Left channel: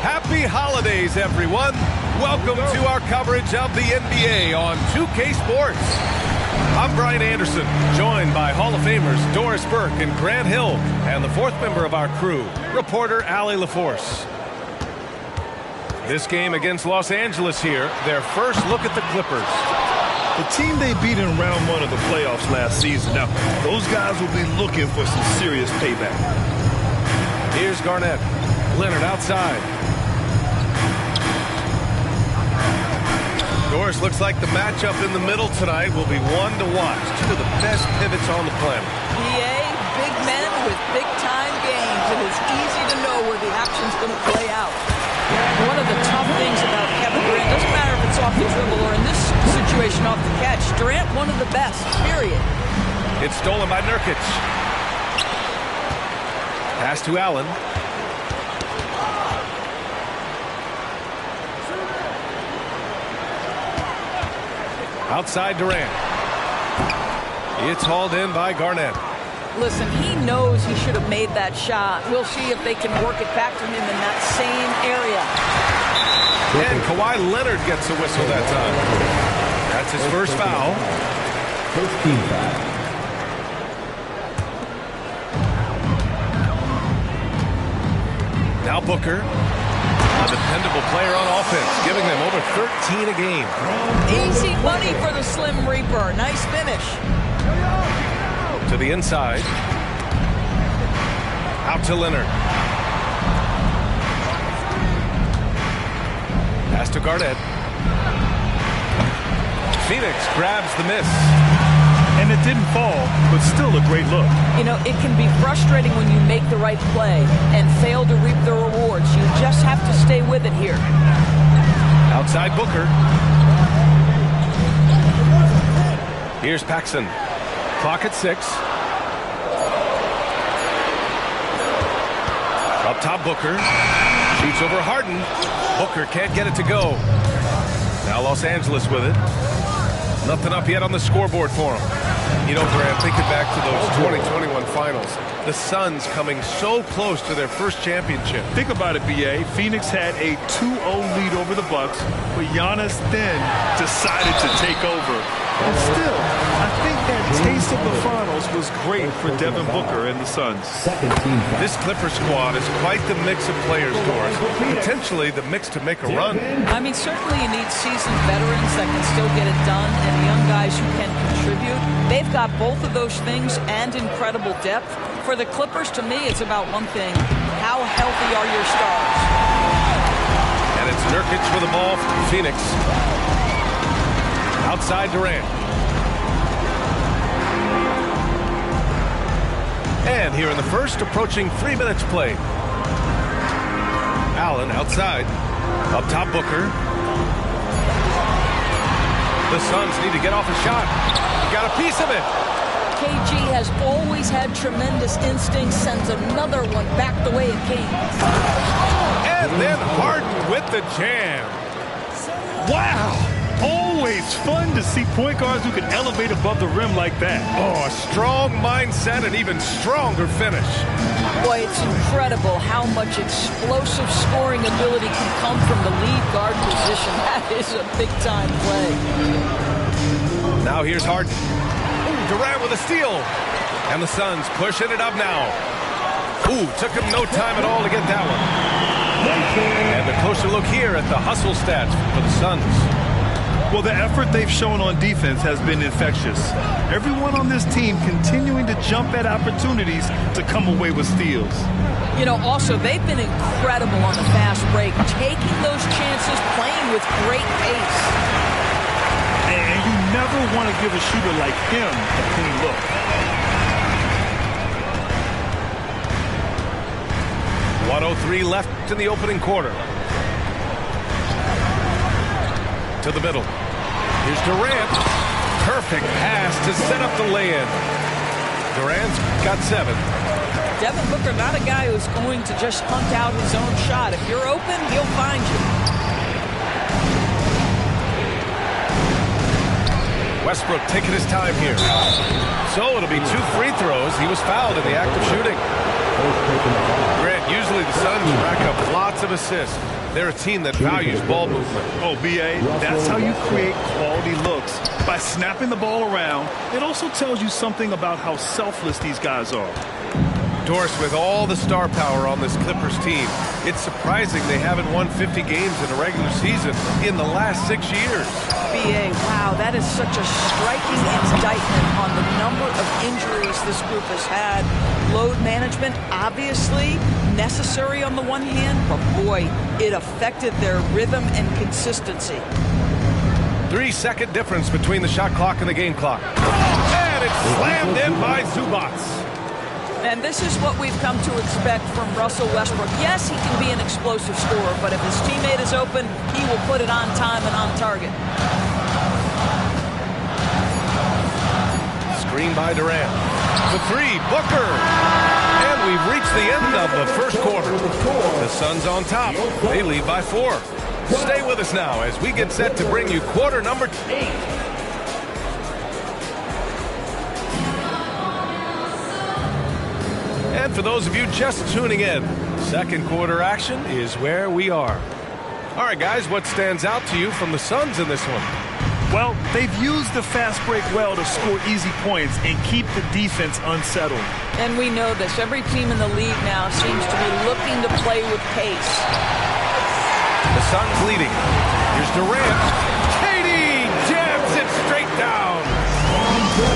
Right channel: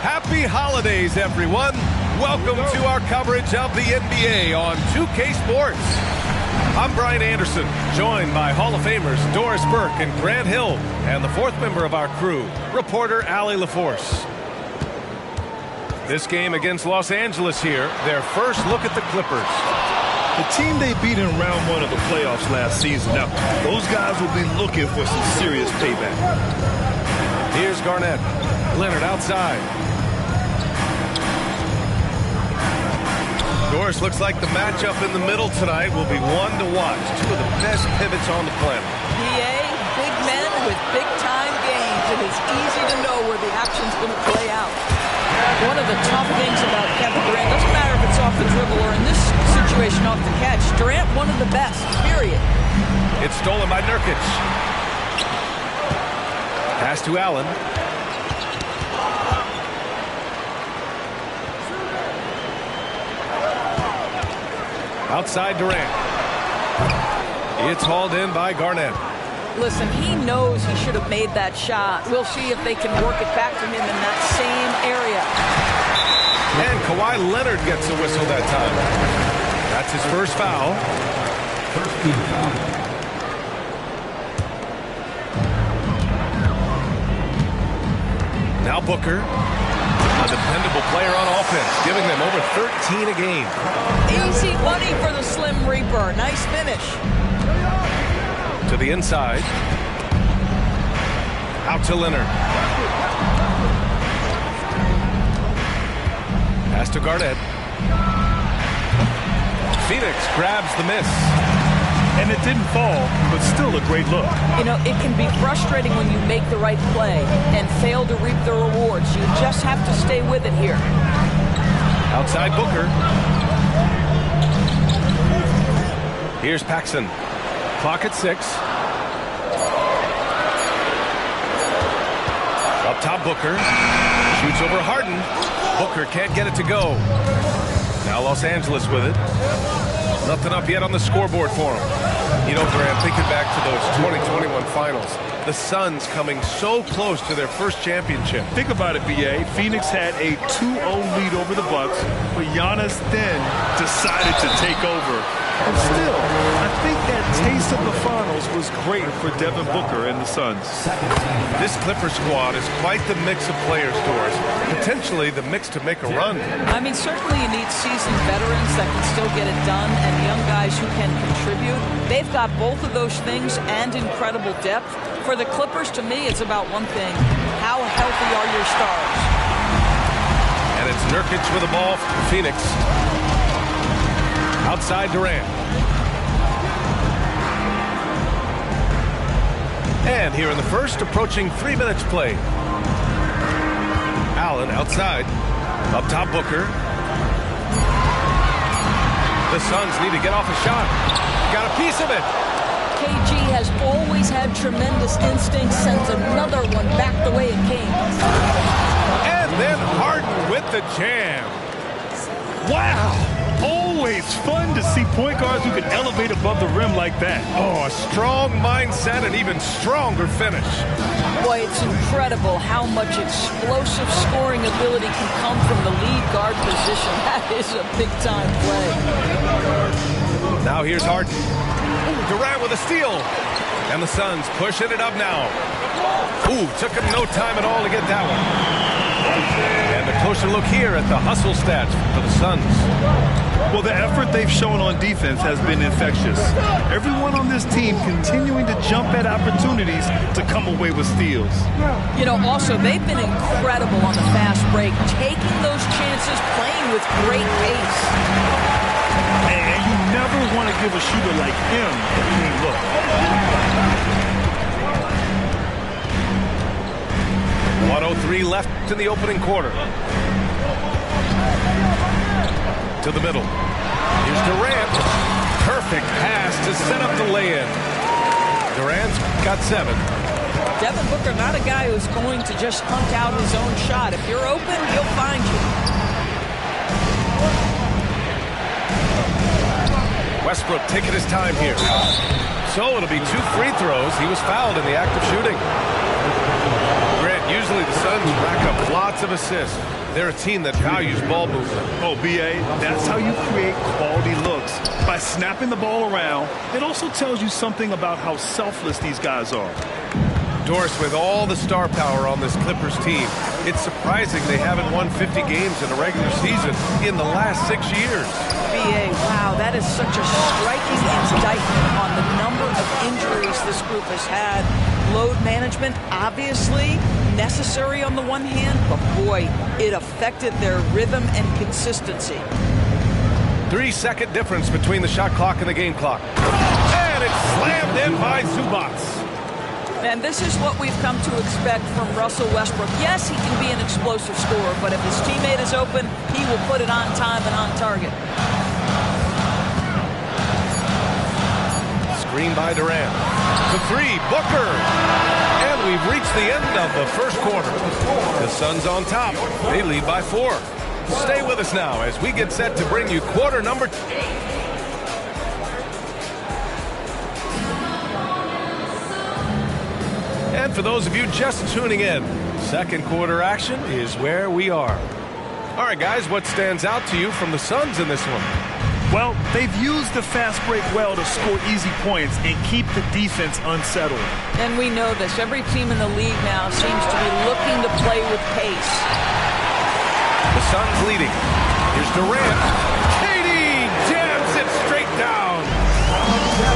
Happy holidays, everyone. Welcome to our coverage of the NBA on 2K Sports. I'm Brian Anderson, joined by Hall of Famers Doris Burke and Grant Hill, and the fourth member of our crew, reporter Allie LaForce. This game against Los Angeles here, their first look at the Clippers. The team they beat in round one of the playoffs last season. Now, those guys will be looking for some serious payback. Here's Garnett. Leonard outside. Doris, looks like the matchup in the middle tonight will be one to watch. Two of the best pivots on the planet. PA, big men with big-time games. It is easy to know where the action's going to play out. One of the tough things about Kevin Durant, doesn't matter if it's off the dribble or in this situation off the catch, Durant, one of the best, period. It's stolen by Nurkic. Pass to Allen. Outside Durant. It's hauled in by Garnett. Listen, he knows he should have made that shot. We'll see if they can work it back to him in that same area. And Kawhi Leonard gets a whistle that time. That's his first foul. First team foul. Now Booker, a dependable player on offense, giving them over 13 a game. Easy money for the Slim Reaper. Nice finish. To the inside. Out to Leonard. Pass to Garnett. Phoenix grabs the miss. And it didn't fall, but still a great look. You know, it can be frustrating when you make the right play and fail to reap the rewards. You just have to stay with it here. Outside Booker. Here's Paxson. Clock at 6. Up top, Booker. Shoots over Harden. Booker can't get it to go. Now Los Angeles with it. Nothing up yet on the scoreboard for him. You know, Grant, thinking back to those 2021 finals, the Suns coming so close to their first championship. Think about it, B.A. Phoenix had a 2-0 lead over the Bucks, but Giannis then decided to take over. And still, I think that taste of the finals was great for Devin Booker and the Suns. This Clipper squad is quite the mix of players, Doris. Potentially the mix to make a run. I mean, certainly you need seasoned veterans that can still get it done and young guys who can contribute. They've got both of those things and incredible depth. For the Clippers, to me, it's about one thing. How healthy are your stars? And it's Nurkic with the ball for Phoenix. Outside Durant. And here in the first, approaching 3 minutes played. Allen outside. Up top, Booker. The Suns need to get off a shot. Got a piece of it. KG has always had tremendous instincts, sends another one back the way it came. And then Harden with the jam. Wow! Always fun to see point guards who can elevate above the rim like that. Oh, a strong mindset and even stronger finish. Boy, it's incredible how much explosive scoring ability can come from the lead guard position. That is a big-time play. Now here's Harden. Ooh, Durant with a steal. And the Suns pushing it up now. Ooh, took him no time at all to get that one. And a closer look here at the hustle stats for the Suns. Well, the effort they've shown on defense has been infectious. Everyone on this team continuing to jump at opportunities to come away with steals. You know, also, they've been incredible on the fast break, taking those chances, playing with great pace. And you never want to give a shooter like him a clean look. 1:03 left in the opening quarter. To the middle. Here's Durant. Perfect pass to set up the lay-in. Durant's got 7. Devin Booker, not a guy who's going to just hunt out his own shot. If you're open, he'll find you. Westbrook taking his time here. So it'll be 2 free throws. He was fouled in the act of shooting. Grant, usually the Suns rack up lots of assists. They're a team that values ball movement. Oh, B.A., that's how you create quality looks. By snapping the ball around, it also tells you something about how selfless these guys are. Doris, with all the star power on this Clippers team, it's surprising they haven't won 50 games in a regular season in the last 6 years. B.A., wow, that is such a striking indictment on the number of injuries this group has had. Load management, obviously necessary on the one hand, but boy, it affected their rhythm and consistency. 3-second difference between the shot clock and the game clock. And it's slammed in by Zubac. And this is what we've come to expect from Russell Westbrook. Yes, he can be an explosive scorer, but if his teammate is open, he will put it on time and on target. Screen by Durant. The 3, Booker. And we've reached the end of the first quarter. The Suns on top. They lead by 4. Stay with us now as we get set to bring you quarter number 2. And for those of you just tuning in, second quarter action is where we are. All right, guys, what stands out to you from the Suns in this one? Well, they've used the fast break well to score easy points and keep the defense unsettled. And we know this. Every team in the league now seems to be looking to play with pace. The Suns leading. Here's Durant. KD jams it straight down.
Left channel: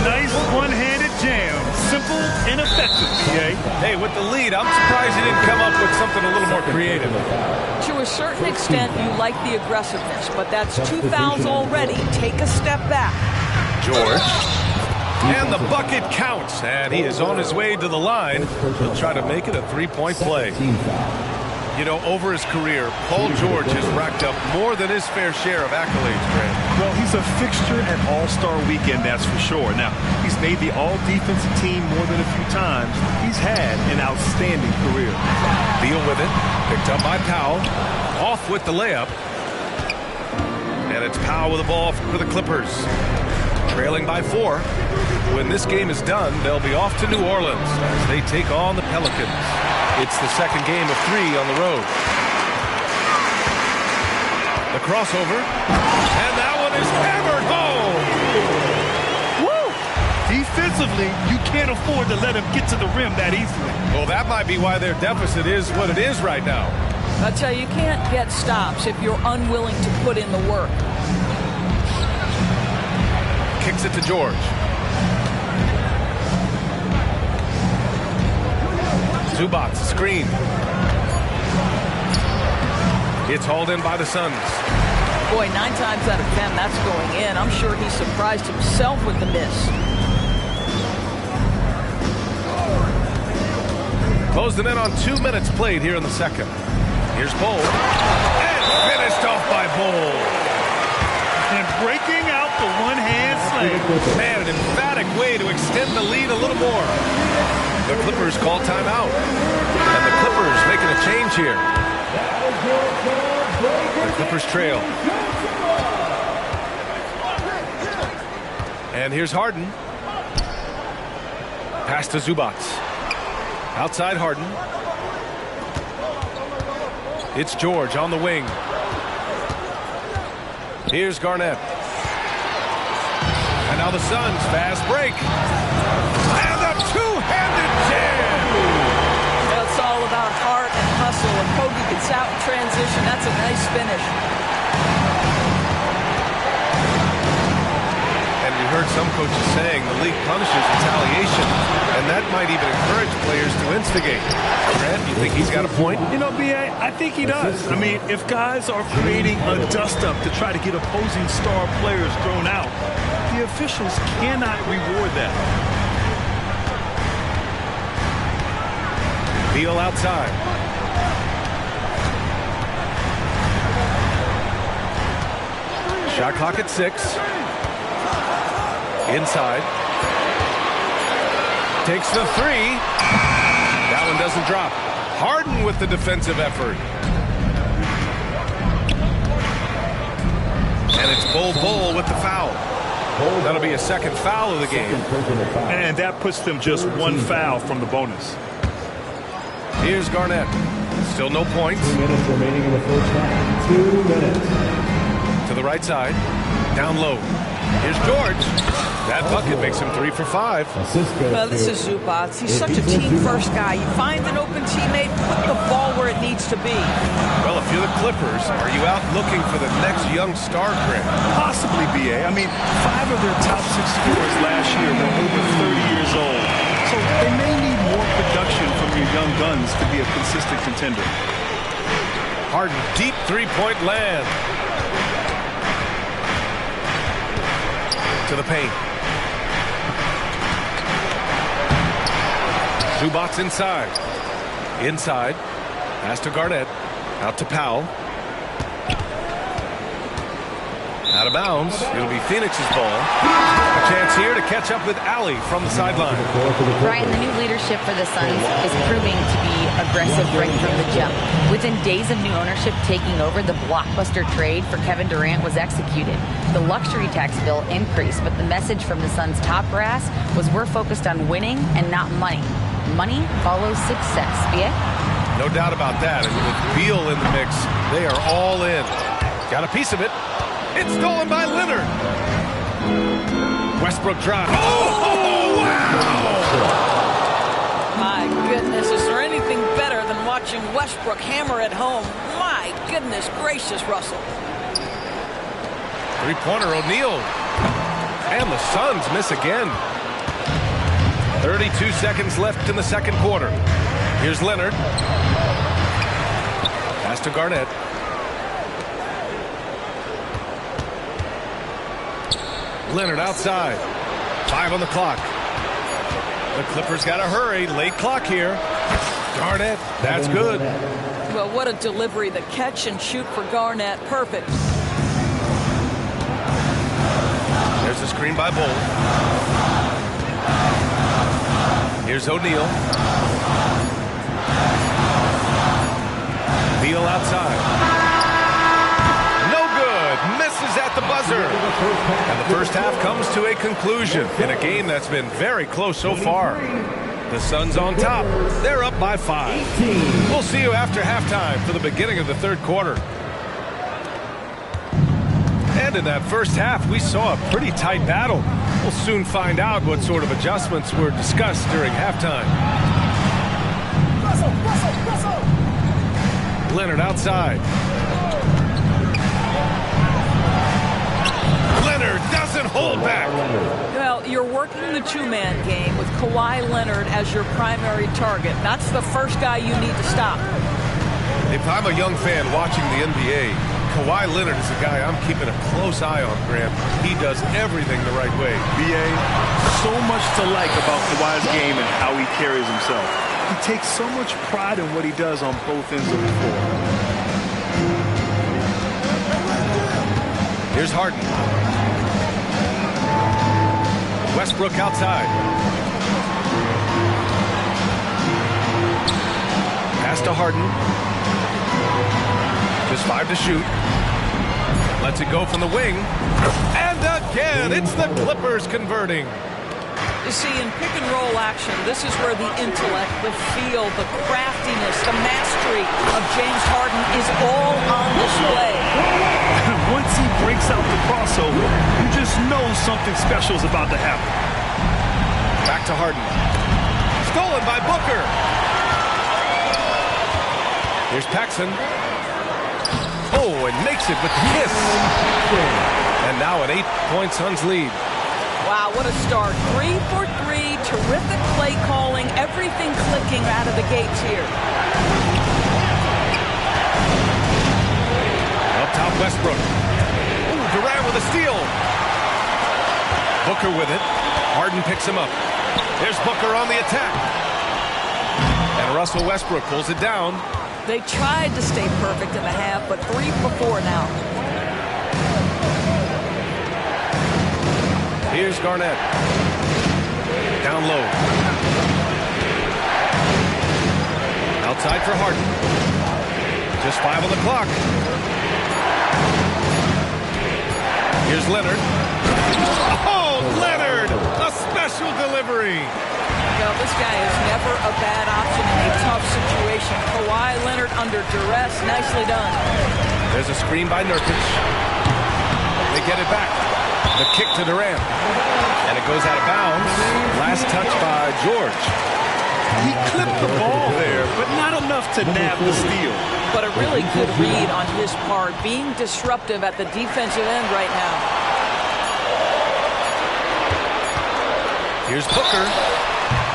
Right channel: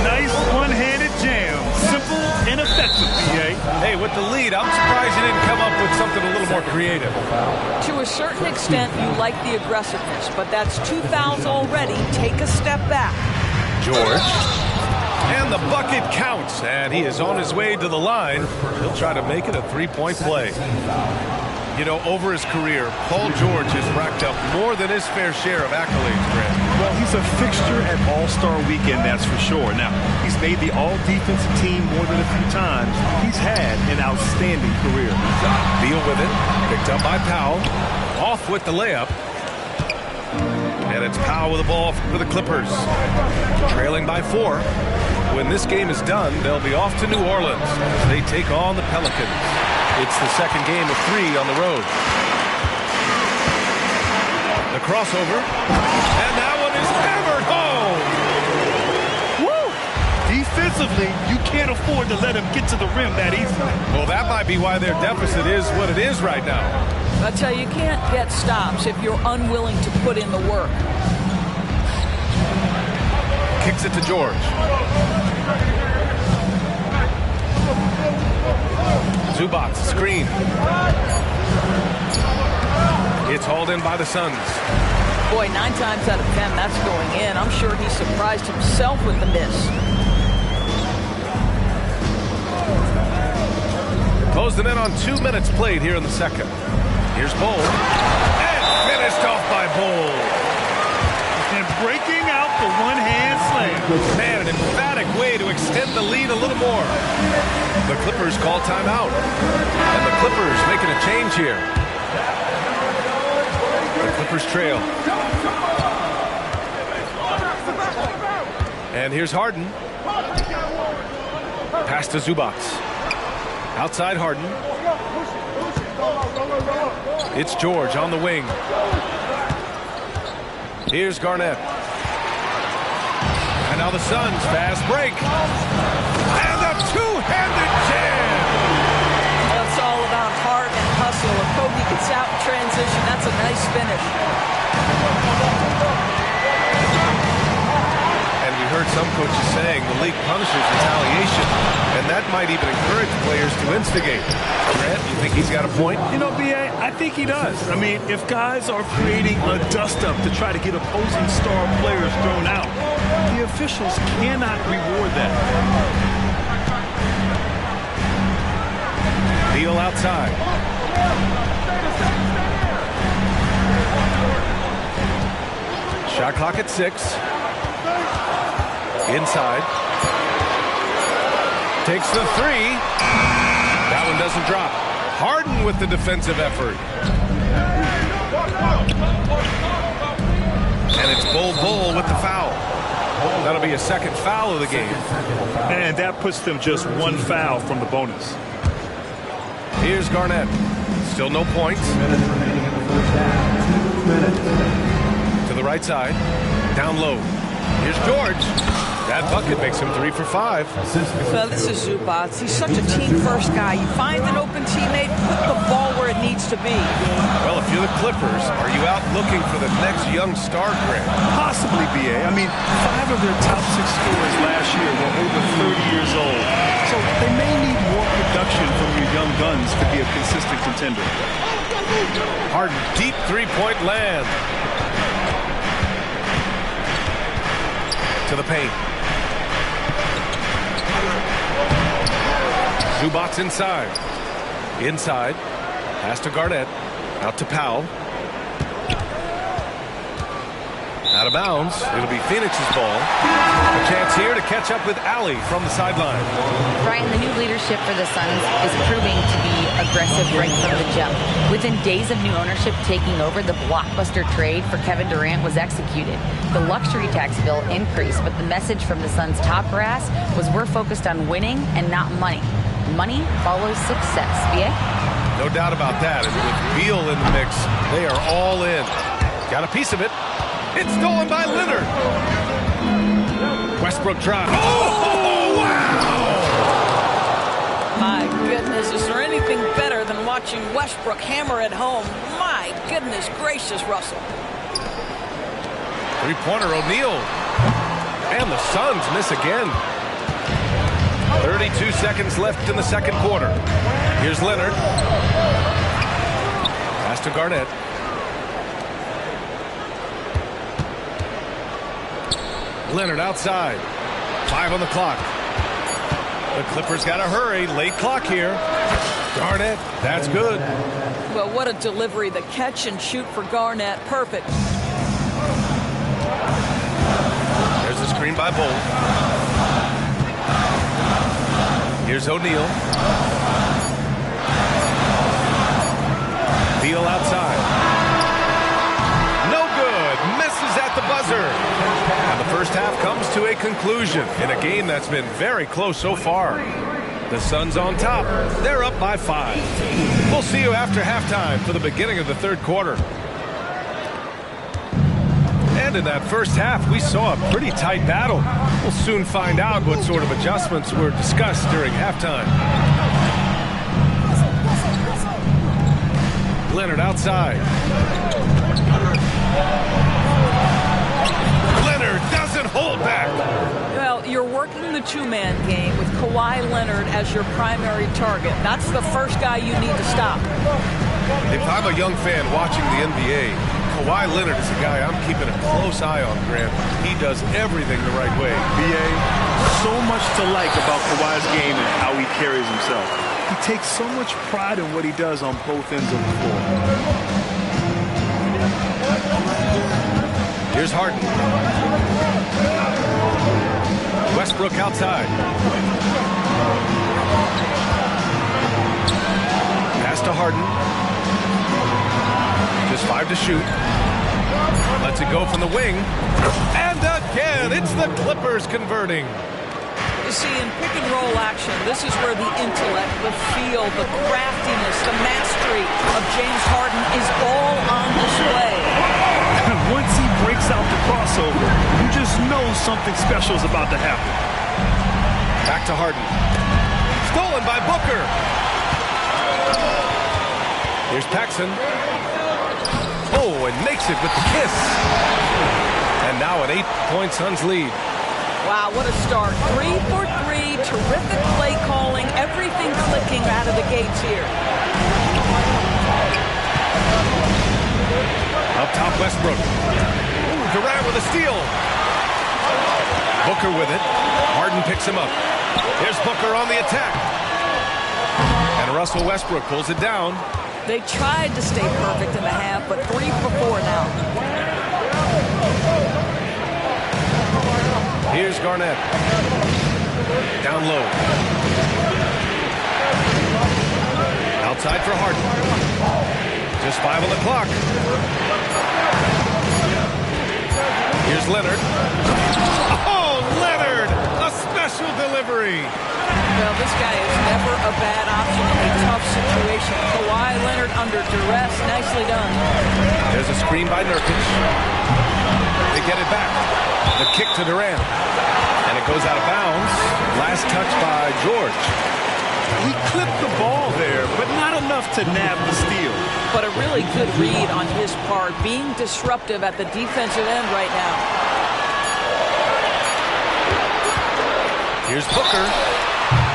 Nice one-handed jam. Simple and effective, B.A. Hey, with the lead, I'm surprised he didn't come up with something a little more creative. To a certain extent, you like the aggressiveness, but that's 2 fouls already. Take a step back. George. And the bucket counts, and he is on his way to the line. He'll try to make it a 3-point play. You know, over his career, Paul George has racked up more than his fair share of accolades, Grant. Well, he's a fixture at All-Star Weekend, that's for sure. Now, he's made the All-Defensive team more than a few times. He's had an outstanding career. Beal with it, picked up by Powell. Off with the layup. And it's Powell with the ball for the Clippers. Trailing by 4. When this game is done, they'll be off to New Orleans as they take on the Pelicans. It's the second game of 3 on the road. The crossover. And that one is hammered home. Woo! Defensively, you can't afford to let him get to the rim that easily. Well, that might be why their deficit is what it is right now. I tell you, you can't get stops if you're unwilling to put in the work. Kicks it to George. Zubac, screen. It's hauled in by the Suns. Boy, 9 times out of 10, that's going in. I'm sure he surprised himself with the miss. Closing in on 2 minutes played here in the second. Here's Bol. And finished off by Bol. And breaking out the one-hand slam. Man, an emphatic way to extend the lead a little more. The Clippers call timeout. And the Clippers making a change here. The Clippers trail. And here's Harden. Pass to Zubac. Outside Harden. It's George on the wing. Here's Garnett. And now the Suns fast break. And a two-handed jam. Well, it's all about heart and hustle. If Kobe gets out in transition, that's a nice finish. And we heard some coaches saying the league punishes retaliation, and that might even encourage players to instigate. Grant, you think he's got a point? You know, B.A., I think he does. I mean, if guys are creating a dust-up to try to get opposing star players thrown out, the officials cannot reward that. Beal outside. Shot clock at 6. Inside. Takes the 3. That one doesn't drop. Harden with the defensive effort. And it's Bol with the foul. That'll be a second foul of the game. And that puts them just one foul from the bonus. Here's Garnett. Still no points. 2 minutes remaining in the first half. 2 minutes. To the right side. Down low. Here's George. That bucket makes him 3 for 5. Well, this is Zubac. He's such a team-first guy. You find an open teammate, put the ball where it needs to be. Well, if you're the Clippers, are you out looking for the next young star, Grant? Possibly, B.A. I mean, 5 of their top 6 scorers last year were over 30 years old. So they may need more production from your young guns to be a consistent contender. Harden, deep three-point land. To the paint. Zubac inside. Inside. Pass to Garnett. Out to Powell. Out of bounds. It'll be Phoenix's ball. A chance here to catch up with Allie from the sideline. Brian, the new leadership for the Suns is proving to be aggressive right from the jump. Within days of new ownership taking over, the blockbuster trade for Kevin Durant was executed. The luxury tax bill increased, but the message from the Suns' top brass was we're focused on winning and not money. Money follows success. B.A.? No doubt about that. And with Beal in the mix, they are all in. Got a piece of it. It's stolen by Leonard. Westbrook drive. Oh, wow! My goodness, is there anything better than watching Westbrook hammer at home? My goodness gracious, Russell. Three-pointer, O'Neal. And the Suns miss again. 32 seconds left in the second quarter. Here's Leonard. Pass to Garnett. Leonard outside. 5 on the clock. The Clippers got to hurry. Late clock here. Garnett, that's good. Well, what a delivery. The catch and shoot for Garnett. Perfect. There's a screen by Bol. Here's O'Neal. Beal outside. No good. Misses at the buzzer. And the first half comes to a conclusion in a game that's been very close so far. The Suns on top. They're up by 5. We'll see you after halftime for the beginning of the third quarter. And in that first half, we saw a pretty tight battle. We'll soon find out what sort of adjustments were discussed during halftime. Leonard outside. Leonard doesn't hold back. Well, you're working the two-man game with Kawhi Leonard as your primary target. That's the first guy you need to stop. If I'm a young fan watching the NBA, Kawhi Leonard is a guy I'm keeping a close eye on, Grant. He does everything the right way. B.A., so much to like about Kawhi's game and how he carries himself. He takes so much pride in what he does on both ends of the floor. Here's Harden. Westbrook outside. Pass to Harden. Just 5 to shoot. Lets it go from the wing. And again, it's the Clippers converting. You see, in pick-and-roll action, this is where the intellect, the feel, the craftiness, the mastery of James Harden is all on display. Once he breaks out the crossover, you just know something special is about to happen. Back to Harden. Stolen by Booker. Here's Paxson. Oh, and makes it with the kiss. And now an 8-point Suns lead. Wow, what a start. 3 for 3, terrific play calling, everything clicking out of the gates here. Up top, Westbrook. Ooh, Durant with a steal. Booker with it. Harden picks him up. Here's Booker on the attack. And Russell Westbrook pulls it down. They tried to stay perfect in the half, but 3 for 4 now. Here's Garnett. Down low. Outside for Harden. Just 5 on the clock. Here's Leonard. Oh, Leonard! A special delivery. Well, this guy is never a bad option in a tough situation. Kawhi Leonard under duress. Nicely done. There's a screen by Nurkic. They get it back. The kick to Durant. And it goes out of bounds. Last touch by George. He clipped the ball there, but not enough to nab the steal. But a really good read on his part, being disruptive at the defensive end right now. Here's Booker.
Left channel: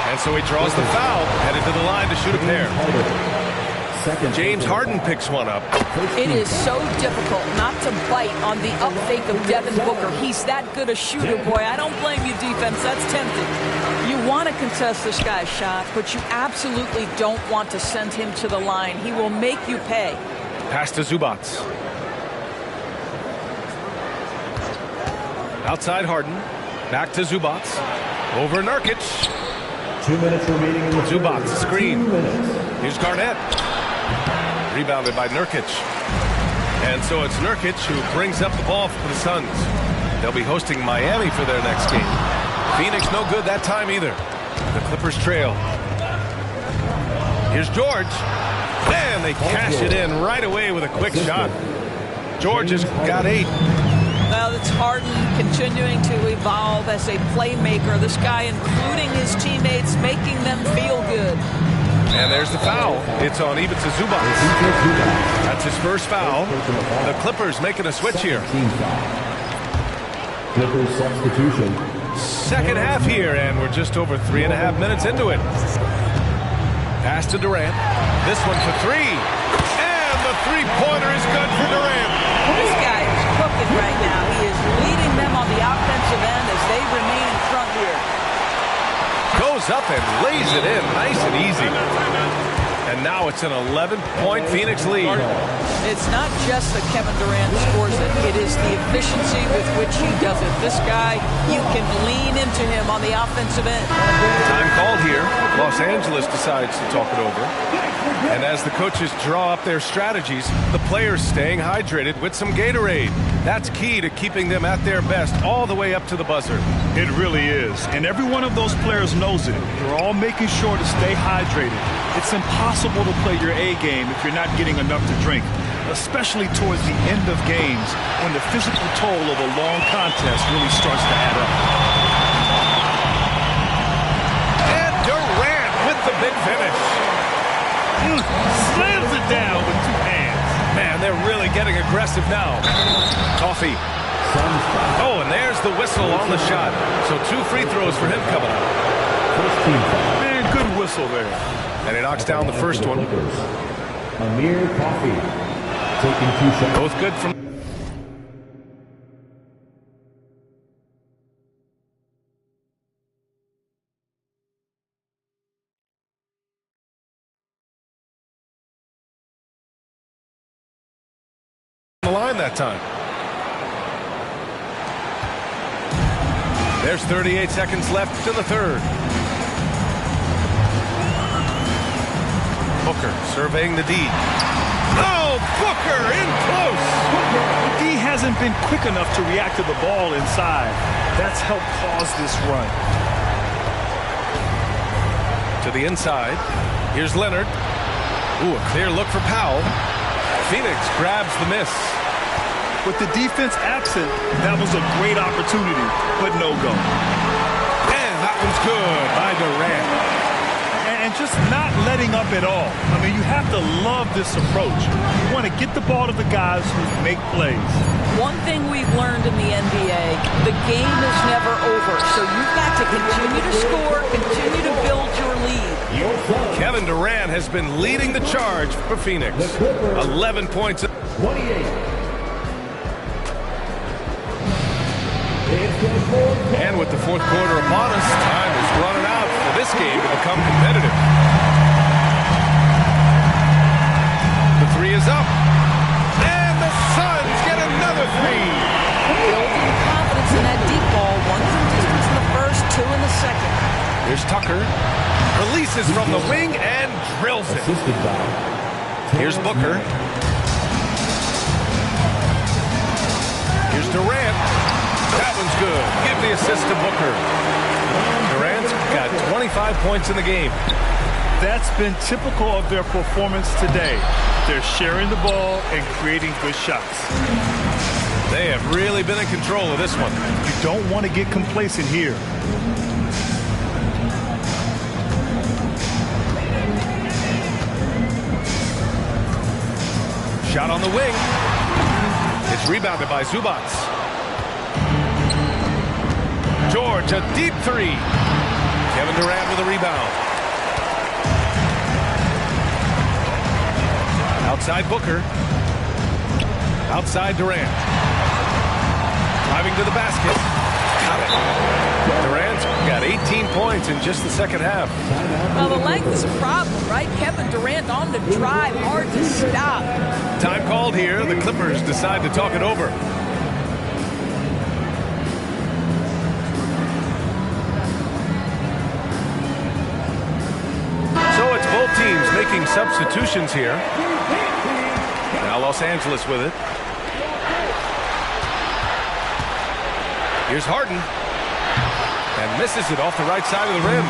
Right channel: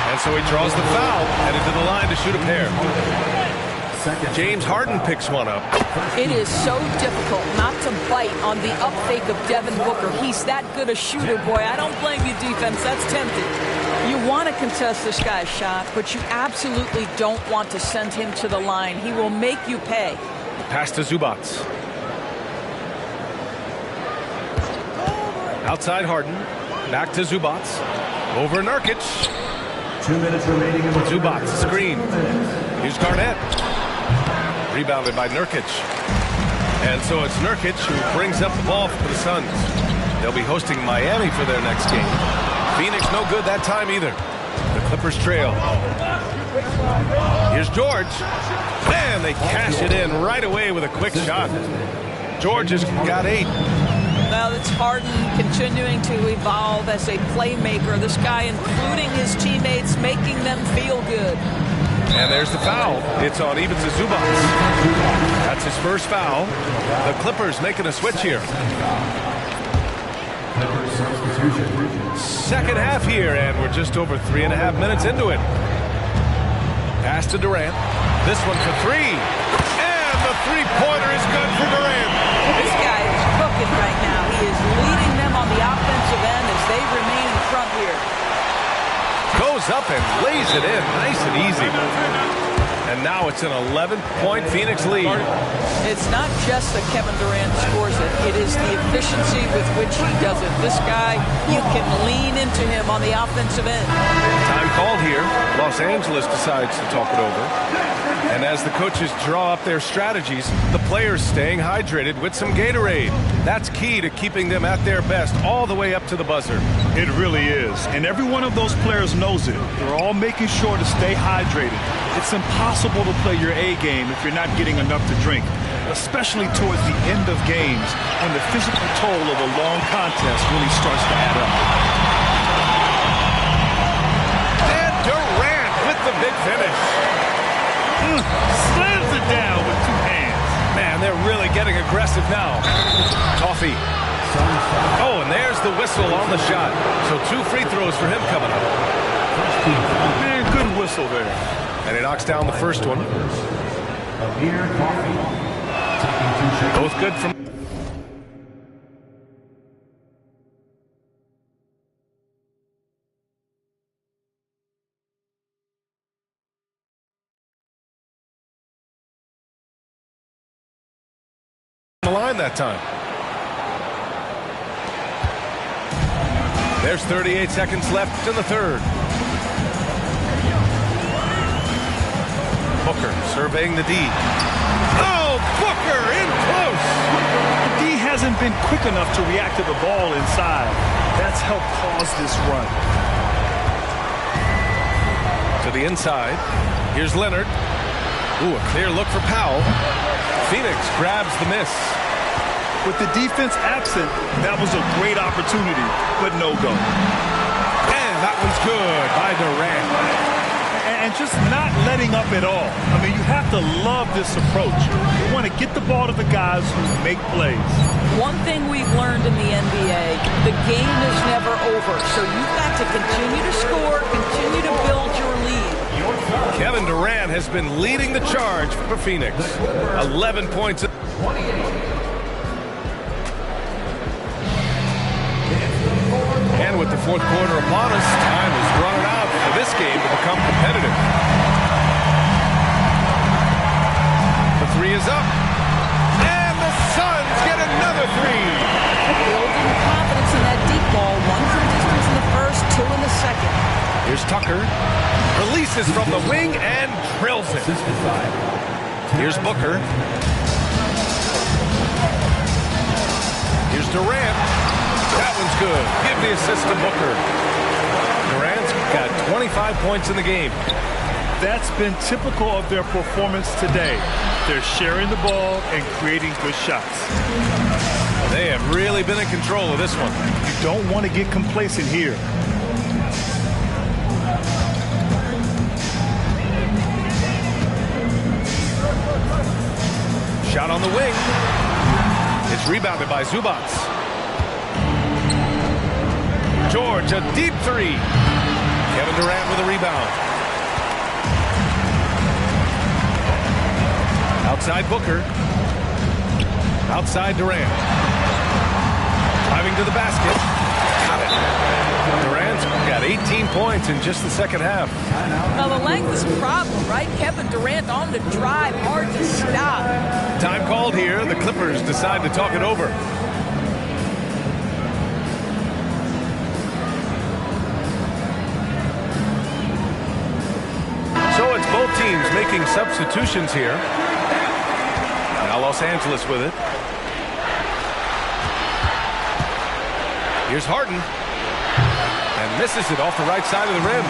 And so he draws the foul, headed to the line to shoot a pair. James Harden picks one up. It is so difficult not to bite on the up fake of Devin Booker. He's that good a shooter, boy. I don't blame you, defense. That's tempting. You want to contest this guy's shot, but you absolutely don't want to send him to the line. He will make you pay. Pass to Zubac. Outside Harden. Back to Zubac. Over Nurkic. 2 minutes remaining in the Zubac, screen. Here's Garnett. Rebounded by Nurkic. And so it's Nurkic who brings up the ball for the Suns. They'll be hosting Miami for their next game. Phoenix no good that time either. The Clippers trail. Here's George. And they cash it in right away with a quick shot. George has got 8. Well, it's Harden continuing to evolve as a playmaker. This guy, including his teammates, making them feel good. And there's the foul. It's on Ivica Zubac. That's his first foul. The Clippers making a switch here. Clippers substitution. Second half here, and we're just over 3.5 minutes into it. Pass to Durant. This one for 3. And the three-pointer is good for Durant. This guy is cooking right now. He is leading them on the offensive end as they remain in front here. Goes up and lays it in nice and easy. And now it's an 11-point Phoenix lead. It's not just that Kevin Durant scores it. It is the efficiency with which he does it. This guy, you can lean into him on the offensive end. Time called here. Los Angeles decides to talk it over. And as the coaches draw up their strategies, the players staying hydrated with some Gatorade. That's key to keeping them at their best all the way up to the buzzer. It really is. And every one of those players knows it. They're all making sure to stay hydrated. It's impossible to play your A game if you're not getting enough to drink, especially towards the end of games when the physical toll of a long contest really starts to add up. And Durant with the big finish. Slams it down with 2 hands. Man, they're really getting aggressive now. Toffee. Oh, and there's the whistle on the shot. So 2 free throws for him coming up. Man, good whistle there. And he knocks down the first one. Amir Coffey taking 2 shots. Both good from... the line that time. There's 38 seconds left in the third. Booker surveying the D. Oh, Booker in close. The D hasn't been quick enough to react to the ball inside. That's helped cause this run. To the inside. Here's Leonard. Ooh, a clear look for Powell. Phoenix grabs the miss. With the defense absent, that was a great opportunity, but no go. And that one's good by Durant. And just not letting up at all. I mean, you have to love this approach. You want to get the ball to the guys who make plays. One thing we've learned in the NBA, the game is never over. So you've got to continue to score, continue to build your lead. Kevin Durant has been leading the charge for Phoenix. 11 points. 28. And with the fourth quarter upon us, time is running out for this game to become competitive. three is up. And the Suns get another three. Building confidence in that deep ball. One from distance in the first, two in the second. Here's Tucker. Releases from the wing and drills it. Assisted by Here's Booker. Here's Durant. That one's good. Give the assist to Booker. Durant's got 25 points in the game. That's been typical of their performance today. They're sharing the ball and creating good shots. They have really been in control of this one. You don't want to get complacent here. Shot on the wing. It's rebounded by Zubac. George, a deep three. Kevin Durant with a rebound. Outside Booker. Outside Durant. Driving to the basket. Got it. Durant's got 18 points in just the second half. Well, the length is a problem, right? Kevin Durant on the drive, hard to stop. Time called here. The Clippers decide to talk it over. So it's both teams making substitutions here. Now Los Angeles with it. Here's Harden. And misses it off the right side of the rim.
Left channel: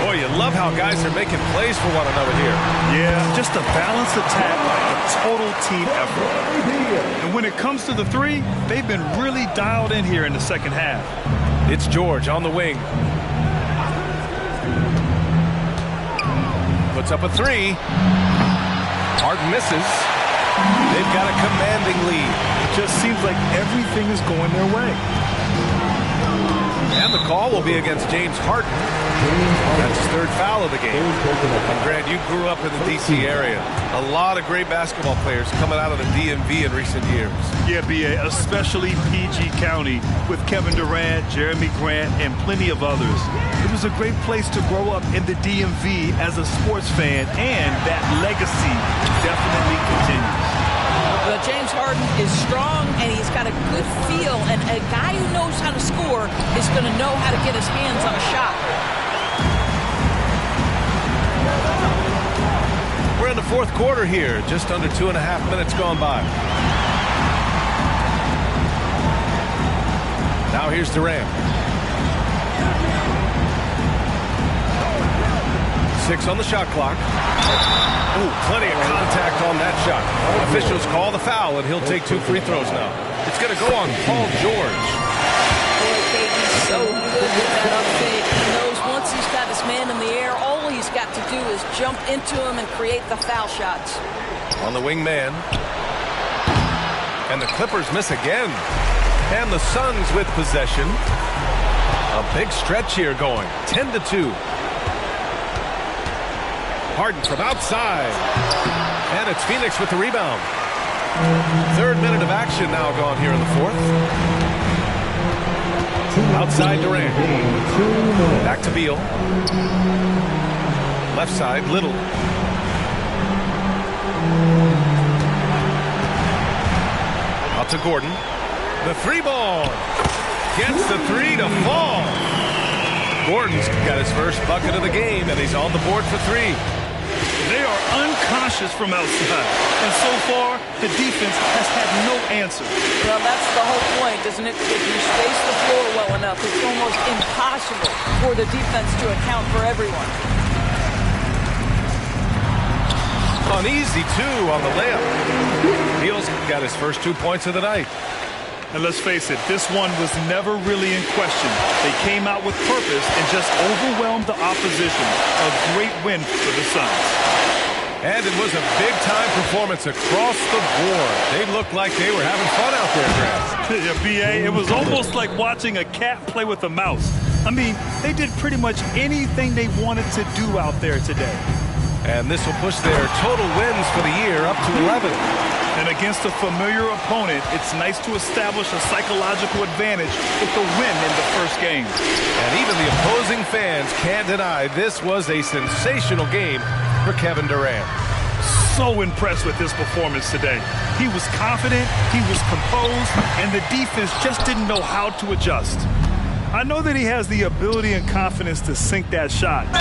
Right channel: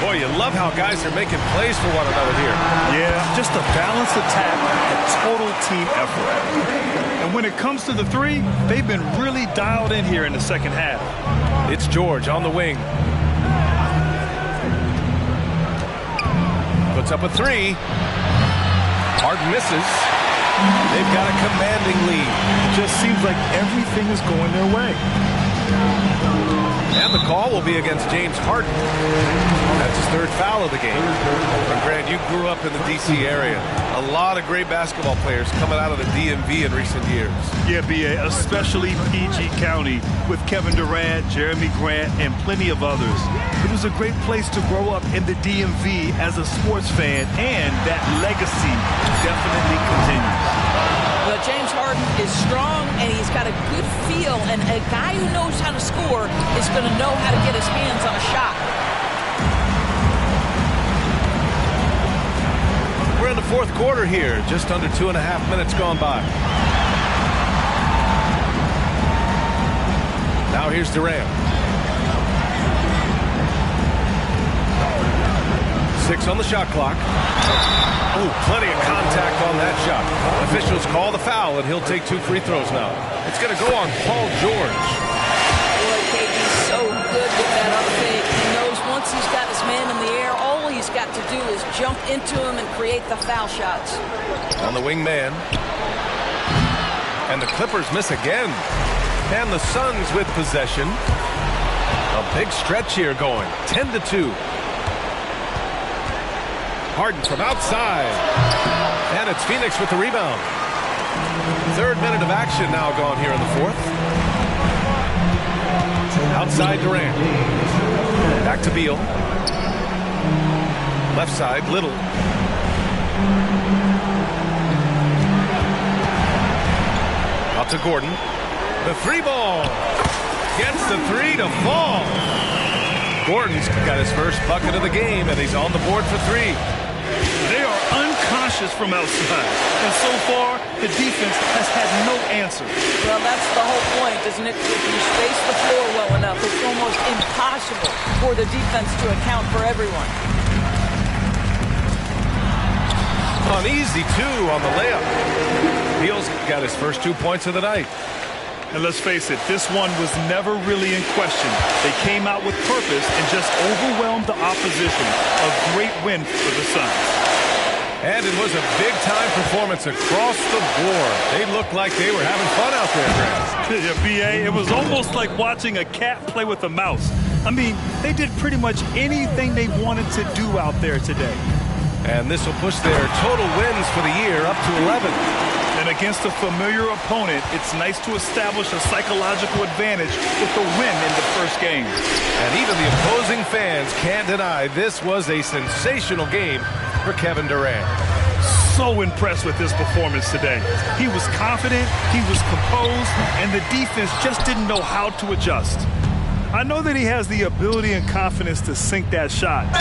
Boy, you love how guys are making plays for one another here. Yeah, just a balanced attack, a total team effort. And when it comes to the three, they've been really dialed in here in the second half. It's George on the wing. Puts up a three. Harden misses. They've got a commanding lead. It just seems like everything is going their way. And the call will be against James Harden. That's his third foul of the game. And Grant, you grew up in the D.C. area. A lot of great basketball players coming out of the DMV in recent years. Yeah, B.A., especially PG County with Kevin Durant, Jeremy Grant, and plenty of others. It was a great place to grow up in the DMV as a sports fan, and that legacy definitely continues. Well, James Harden is strong, and he's got a good feel, and a guy who knows how to score is going to know how to get his hands on a shot. We're in the fourth quarter here, just under 2.5 minutes gone by. Now here's Durant. 6 on the shot clock. Oh, plenty of contact on that shot. Officials call the foul, and he'll take 2 free throws now. It's going to go on Paul George. Boy, KD's so good with that up fake. He knows once he's got his man in the air, all he's got to do is jump into him and create the foul shots. On the wing man. And the Clippers miss again. And the Suns with possession. A big stretch here going. 10-2. Harden from outside. And it's Phoenix with the rebound. 3rd minute of action now gone here in the 4th. Outside Durant. Back to Beal. Left side, Little. Out to Gordon. The 3-ball. Gets the 3 to fall. Gordon's got his first bucket of the game, and he's on the board for 3. They are unconscious from outside, and so far, the defense has had no answer. Well, that's the whole point, isn't it? If you space the floor well enough, it's almost impossible for the defense to account for everyone. An easy 2 on the layup. Beal's got his first 2 points of the night. And let's face it, this one was never really in question. They came out with purpose and just overwhelmed the opposition. A great win for the Suns. And it was a big-time performance across the board. They looked like they were having fun out there, Grant. Yeah, B.A., it was almost like watching a cat play with a mouse. I mean, they did pretty much anything they wanted to do out there today. And this will push their total wins for the year up to 11. And against a familiar opponent, it's nice to establish a psychological advantage with the win in the first game. And even the opposing fans can't deny this was a sensational game for Kevin Durant. so impressed with his performance today. He was confident, he was composed, and the defense just didn't know how to adjust. I know that he has the ability and confidence to sink that shot,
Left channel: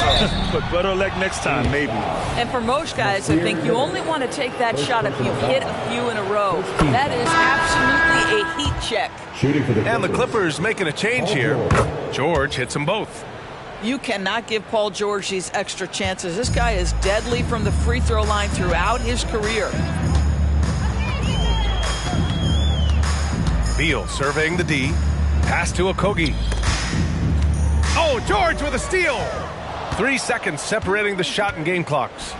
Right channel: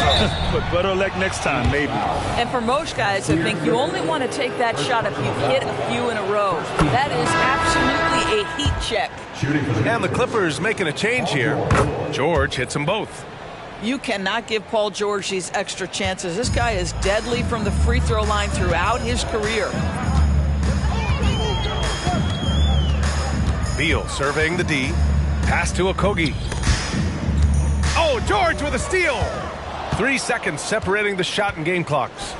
but better luck next time, maybe. And for most guys, I think you only want to take that shot if you've hit a few in a row. That is absolutely a heat check. Shooting for the And the Clippers making a change here. George hits them both. You cannot give Paul George these extra chances. This guy is deadly from the free throw line throughout his career. Beal surveying the D. Pass to Okogie. Oh, George with a steal. 3 seconds separating the shot and game clocks.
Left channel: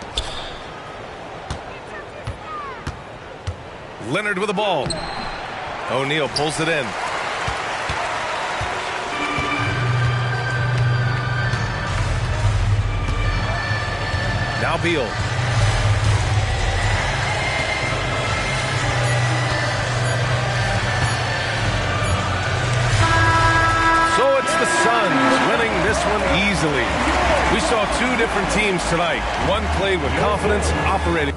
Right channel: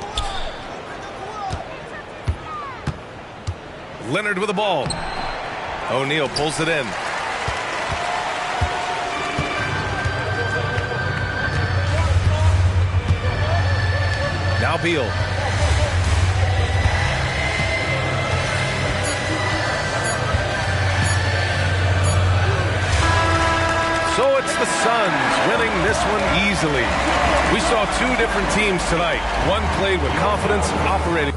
Leonard with the ball. O'Neal pulls it in. Now Beal. So it's the Suns winning this one easily. We saw two different teams tonight. One played with confidence, operating